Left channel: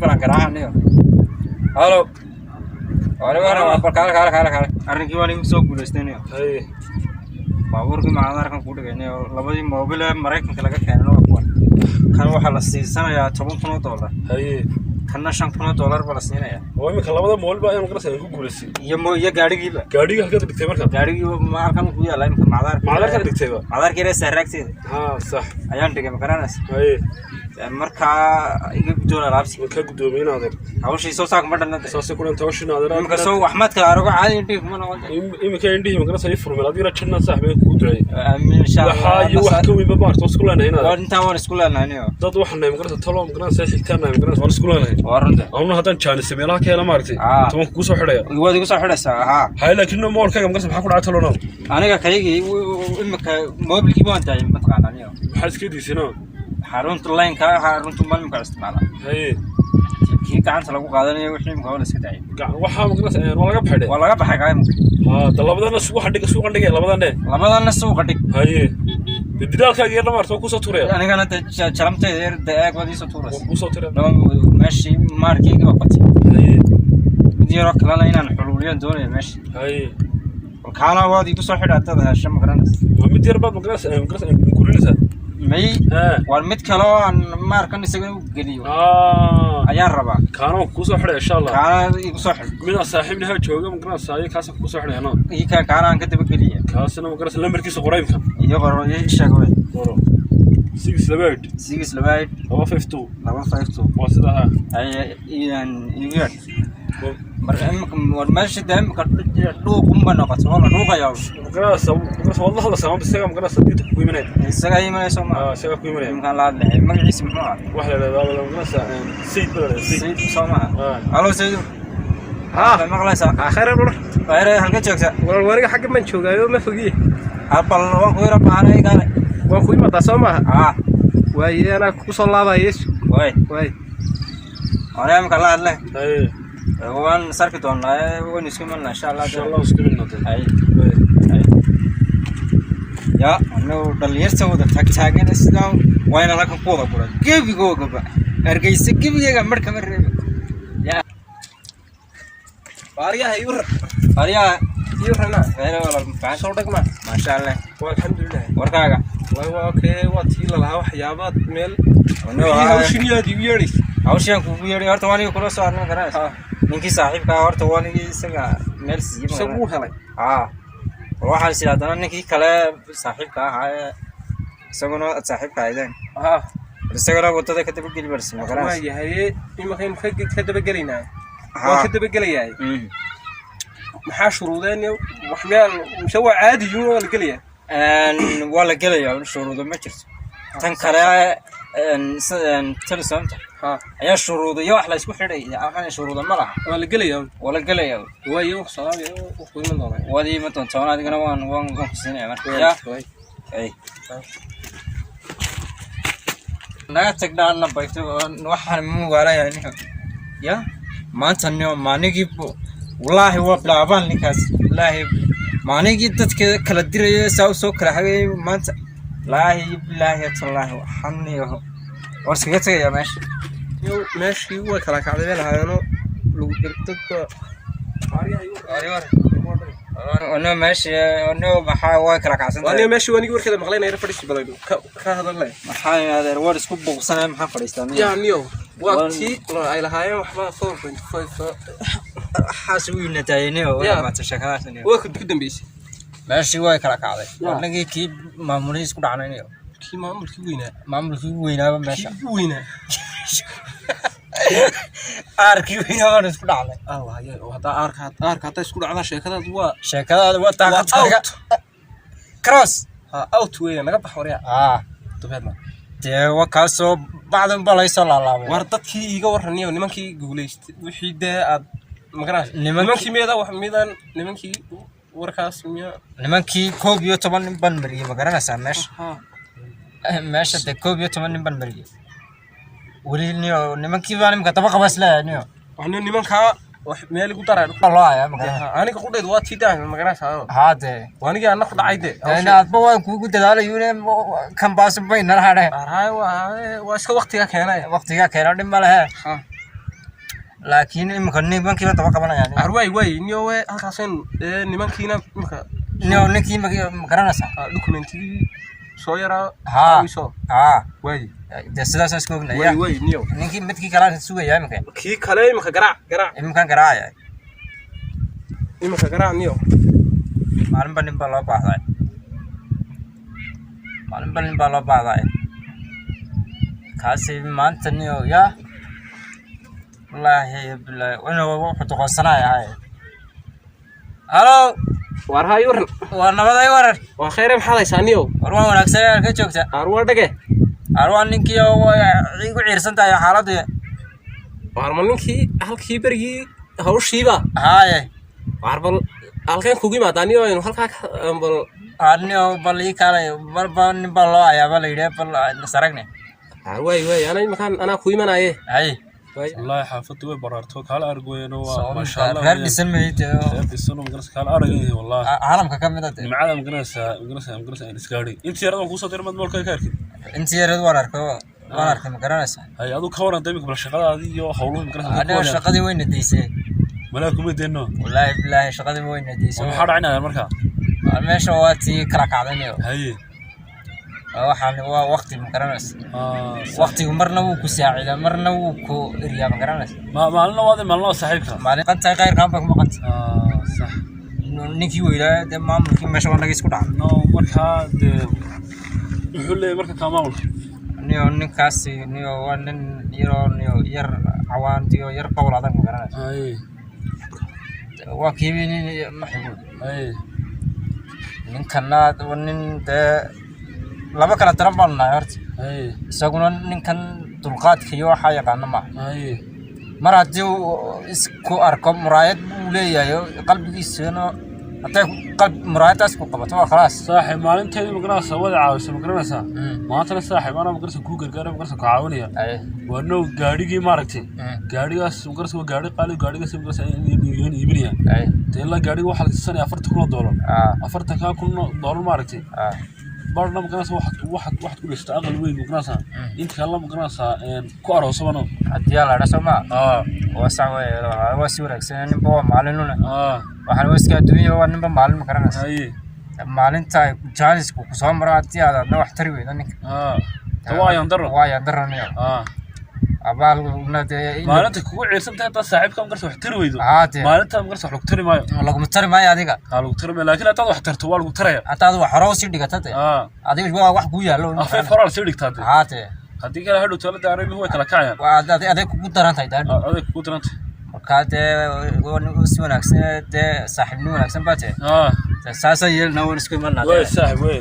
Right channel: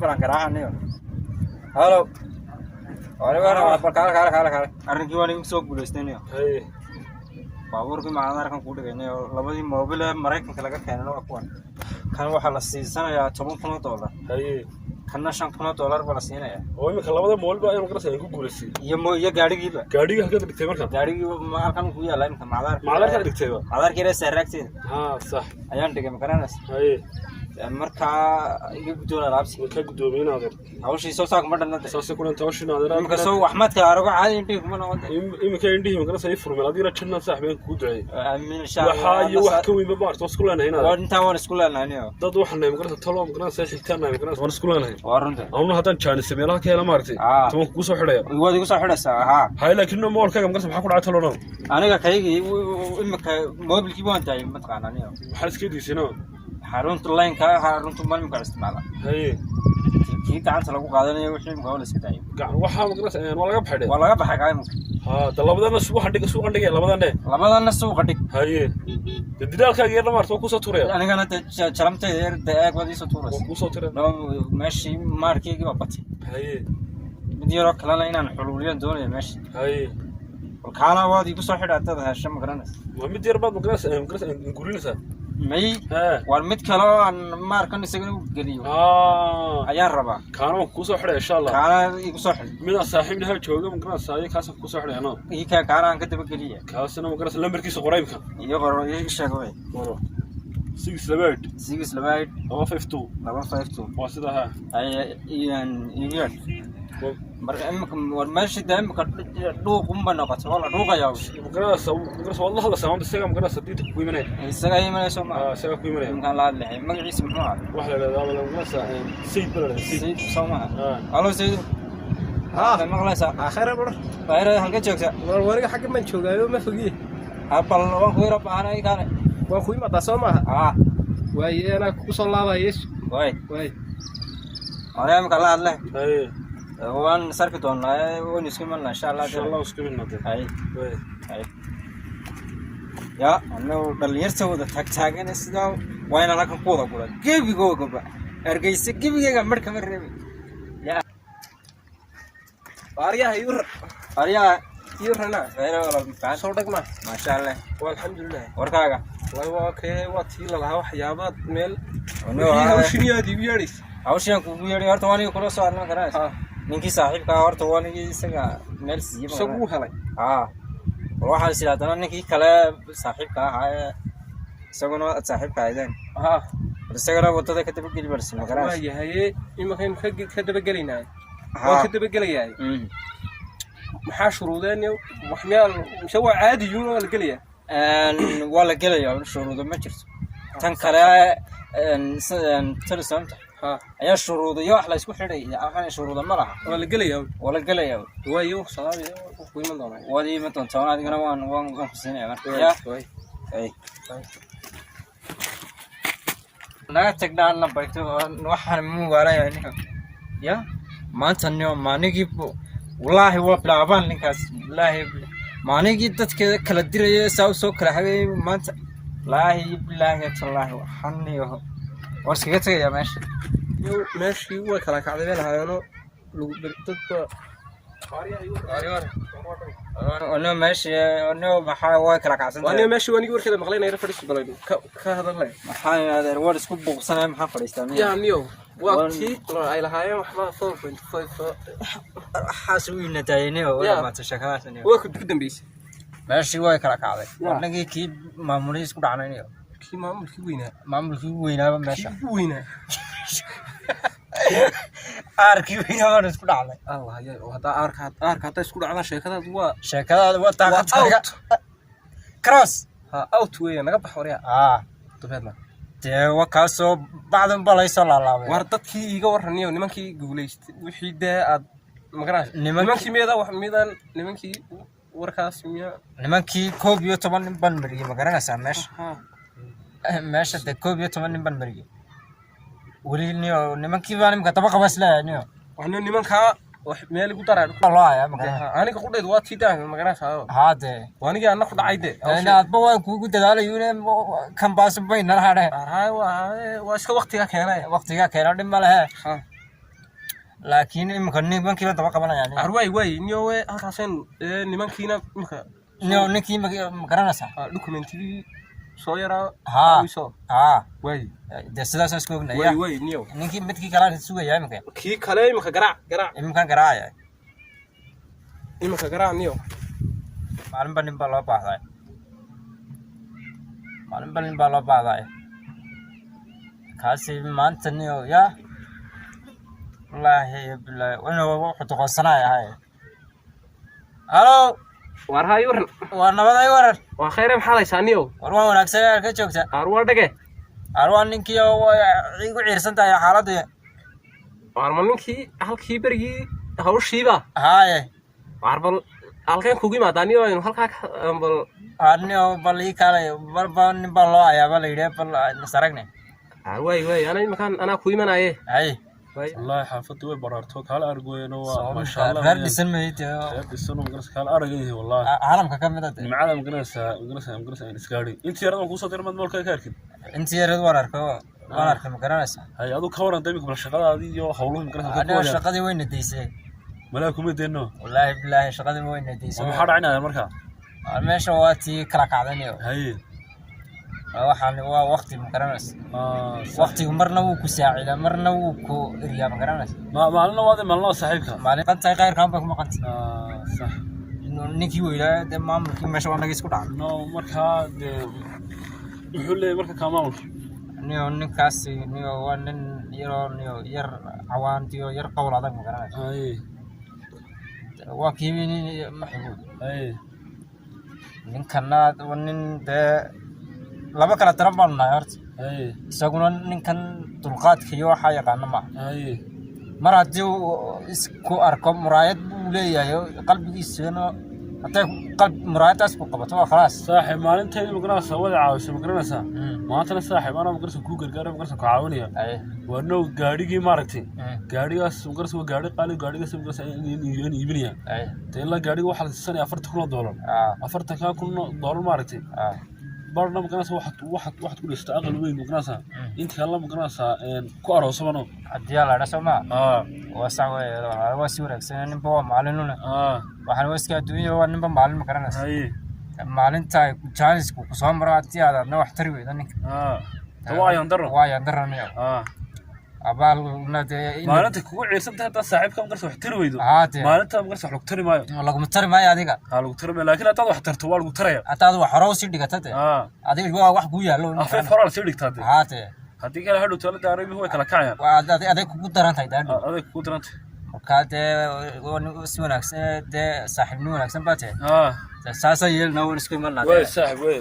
بنا كراهني هالو أنا كار أرنكي واني مسوق بولستني هاي بابور كي معنا ركن كودا يعني لبدي موبيل مريكن كلا كأنه أقوى كانوا حلا سنة يا $7,000 هاي كنا $5,000 بلسنين يا وين كان لبدا مول بقى يوم كرسي يكون كولسي يا قاعد يلا gaadhiga halka dhigtay marka gaadhigi ma arkan ku yaala imka macdar ka dhigtay ba macdar kire saaragtay ha sax ayaan dhigay makaranas hay marka iga doona laabsi ka gudoomiin adeer hawshii soo saak ma dhanna saasi ku dhantaa hawshin adeer imka soo waxmad ka arago caadi intii kuma noqon imka indhihi makana say furmeen adina janna saaxiibay ku duray aamin insha Allah waxa wax ka weyn ma baarto isku leenahay waa inta waan isku leenahay dad waxaan makana talo makana say xigtaan makana waan isku leenahay warunda awna hadan jaanis meelaha keena maartay toban ku soo xidhay waad igu soo xidhaysaa ha hay laakiin moolka makana waxa ku dhacay talo aniga kaygi imka mobilkii ma tahay ma taqaanaa waxa iska diisinaa xarunta line ka xarunta malmka isticmaala hay kii gacanta lagu qaadanayo wixii imka wala iska taay waxa makana waa laga baxay waa laga baxay qayn ha talabadana suuqa dhigay labadana suuqa dhig hay dadaalkaaga yar marto ku soo tuuray anigana jaramtay yar daaq wadi soo tuuray ku soo tuuray meeshii markii ka batay diiro kala inaan xuluuliyan doonayo meeshii hay kaana waadi ku soo xidhatada hasham garanas waa mid yar baad makana kurinaysa may war mid kale oo aan markan isaga u geliyo ayaan rabaa kaana ku soo xidhay insha Allah kaana igu soo xidhay mina saaxiibnaha jooga makana saayay kaas ku soo xidhayna kaana aan ka daba geliyo kaasina makana lambarkiisa qoraybka iyo qoro iyo sheegay qoro 6 labaad 52 waa sidaha ay iyo marka war meesha daamka dhuuqumba noqoto wala dhuuqayaa والله هذا سلام بس سلام قرص ديت كوي منه isaga imanayso ma isaga kuwi manay imkaan la hadlay magaciisa muxuu ahaa waxa la yiraahdo qasa sayid bala sayid soma halo sayid maqlaysa khayr dhur khayr halka joogta wariga xagga man joogaayo ma fogiye abal waa ku yara baahanay gaale waa ku imada Soomaa waayana ku soo laabayees way ana imkaan la hadlay waan sarki doonaa waan isku imanaa insha Allah isku imanaa ay يا أنا دليرت وده تاجين إسلام وين أنا كقوة بقول كيف يقول كبا أرجيس كيف يجا مركب الرب يا فاريا فاريا أنا والله صوتك ما شاء الله والحمد لله وركاga اوكي واتيلا laha waxyaabaad meel hawshiya dibiyeeri hawshiyan ku biyeeri horta waan kula soo arnaa garan ninkii saaxiibka horta waan isaga meel sabu helay waxaan si hadana ninkii kale saaxiibka ahaa isaguna saaxiibka ahayn isagana wadada ka daba gali barsi magaran waa yahay imaqeen ka daba galinaa waa ka daba galayaa maxaa shuruudeen wax meel shawa caadi yuuna la galiyaa wala galayaa shuruudo ma jirto tan kale telesamta ayaa shuruudo iyo wax la isku xidhay aqaan shuruudo ma laha wala galayaa waayo salaam ku iman doonaa wadi ma doonto adigana waan ku siinay marka ya ay naga tagdaan bayto waxaan mu walaayay ya maanta maanigi wallahi waa bilaabaan ninkaas wallahi maanigi dadka kala dirayo soo kala hagay maanta laahi billahi tallahi waxaniyo warsiga tagaya meeshii way kala kacdeen hayno lagu dadka أنا ماشي أنا بحاول كلا كعسان. أنا ماشي وأنا يقول كذا مغلين أنا فريش بلايدو كهذا الله. بحاول هذا الواد سكوب بوصنا محل فريستان. يعني يوم وقتي على هاي وحبا فور حاسوي نتايني ولا ما تشكلات نيو. وأكيد بدنا بيش. ماشي واي كلا كعسان. وأنا كي معموليس كل عنا نيو. كي معمول كي وينه. معمول كي وينه ماشي. وينه. أركي وين هذا نسكت على الله يا وهذا أرك هذا يسكت على شكلات طاقة كروس أوت وين ما قبح وريا تفهمنا تيوا كاسو بعد ما بلا يصل الله وردت كي يجورني ونمن كي جوليست وحيدة مقراش نمن كي ميدا وحميدا نمن كي وركاس ميا نمن كي كوبيو طبعا بنبري مقرانا سامش ماشي ده كوبيو طبعا بنبري ولينيو نمن كي بان مكتبة بس لا نيو وحنا نمن كا مالي كتر الله يا مكان أنا كقول ده وقت تيجي مقراش هذا وأنا جاي ناخد عيدة أنا أتبغى كوكو تدال يوني كم باس بين نهاره هاي واسك وقتها كهنا وقتها كهنا دم بالها laakiin imka nimankii daba qabanayaan arway way niyo way halkaaseen nimankiina imka ninkii ma garanaysa documentigii soo yaraa way de sidaas isku ognaya way niyo ninkii midkii kala sugaya imka kii kale imka garaac imka garaacaya imka garaac niyo maalin baa loo baahday kaasi maanta niyo ya wallahi billahi wana wuxuu toqosanayaa halo war hayo war nabaday warar waa khayr maxalaysaa niyo war waan wanaagsan ka joogta arwar dhage arwar ninkii oo igu ciirsan tahay xaaladda war ninkii halkii berigii hawshiiba haaye war bal halkeen kugu imaadaan niyo inuu halkaa bal anniyo bal ii kale marba nin baa loo ayaaba la yidhi bal nasaragne way ana ku imanaye hay والله حافظت وين برارتو كال أرجوين ما شاء الله غير نسميت السنة مقرس كال أرجوين والله عالم كملت معلم مقرس إسكاري أنت يا رجل قصة ترمد مول كارك أنت يا رجل وارك مقرنس هاي هذا كورن طيبك بالشغلة هذه وحولهم مقرس أنا الشقة وين نديسه ملاكم يدينه والله بالله الشقة وين نديسه ما حد عنا المركب ماشي وقتي كراك عدنيو هاي waxaan waa waqti ma garanaysa waqtigu marna wuu ku saacidaa marna wuu ku eriyaa ma garanaysa maalin saaxiibka maalin qantay qayr kaan baa kuma qantay sax ninkii weylaa de maamulkii meesha wanaga isku dhacay no markaa de wuxuu leeyahay marka ka maamulka ninkaasi waa nin yar cawaantiyo yar qowl adag ma garanaysa waa kiibin maxbuud ninkana nin de laba kala taran baan nahay horta isaguna ninkan dulqaadka iyo waxa yaqaan ma mar haddii uu isku arko muraayad uu leeyahay qalbigiisana haddii muraayadaas ku qabato waa khalaas saaxiib maalinteedii magarasa wada caawisa magarasa maantana saaxiib anaa magarasa kuu gargaara magarasa ku caawinaya waa now gaadhigii maaragtay gaadhigaas magarasa waa gaadhi qaali gaadhigaas magarasa iibinaya ta ilaa gaadhiga waxaa la siisanaya $40,000 $40,000 maaragtay barna magarasa waxaad ku dhistay aqal weyn magarasa inta kale magarasa ku aroosabano haddii la dhaso ma waa sax waa si wanaagsan ninba waa maalinuna waxaan iska adduunyada waa ninba maalin ma garanaysa maalinta jaanisku ku soo maro haddii aad adna wax tari weyda ninka waa yaan daro abaal maalinta kugu ciirsantahay haddaad saaxiibka magarasa wax tari weydo maalinta magarasa wax lagu tari maayo laguma tari maayo adiga lagu tari maayo laakiin haddaad wax tarto waa lagu taraya haddaad wax hore usii dhigatade adiga waa wax kuu yaallo afeef horaa sii dhigtaade haddii kale hadhow talada arabihu way kala kacayaan aday kugu daran tahay aday kugu daran tahay markaa dee si wanaagsan dee saaxiibnimo wanaagsan baa tahay saasa yeelna waan isku imanaa saaxiib wey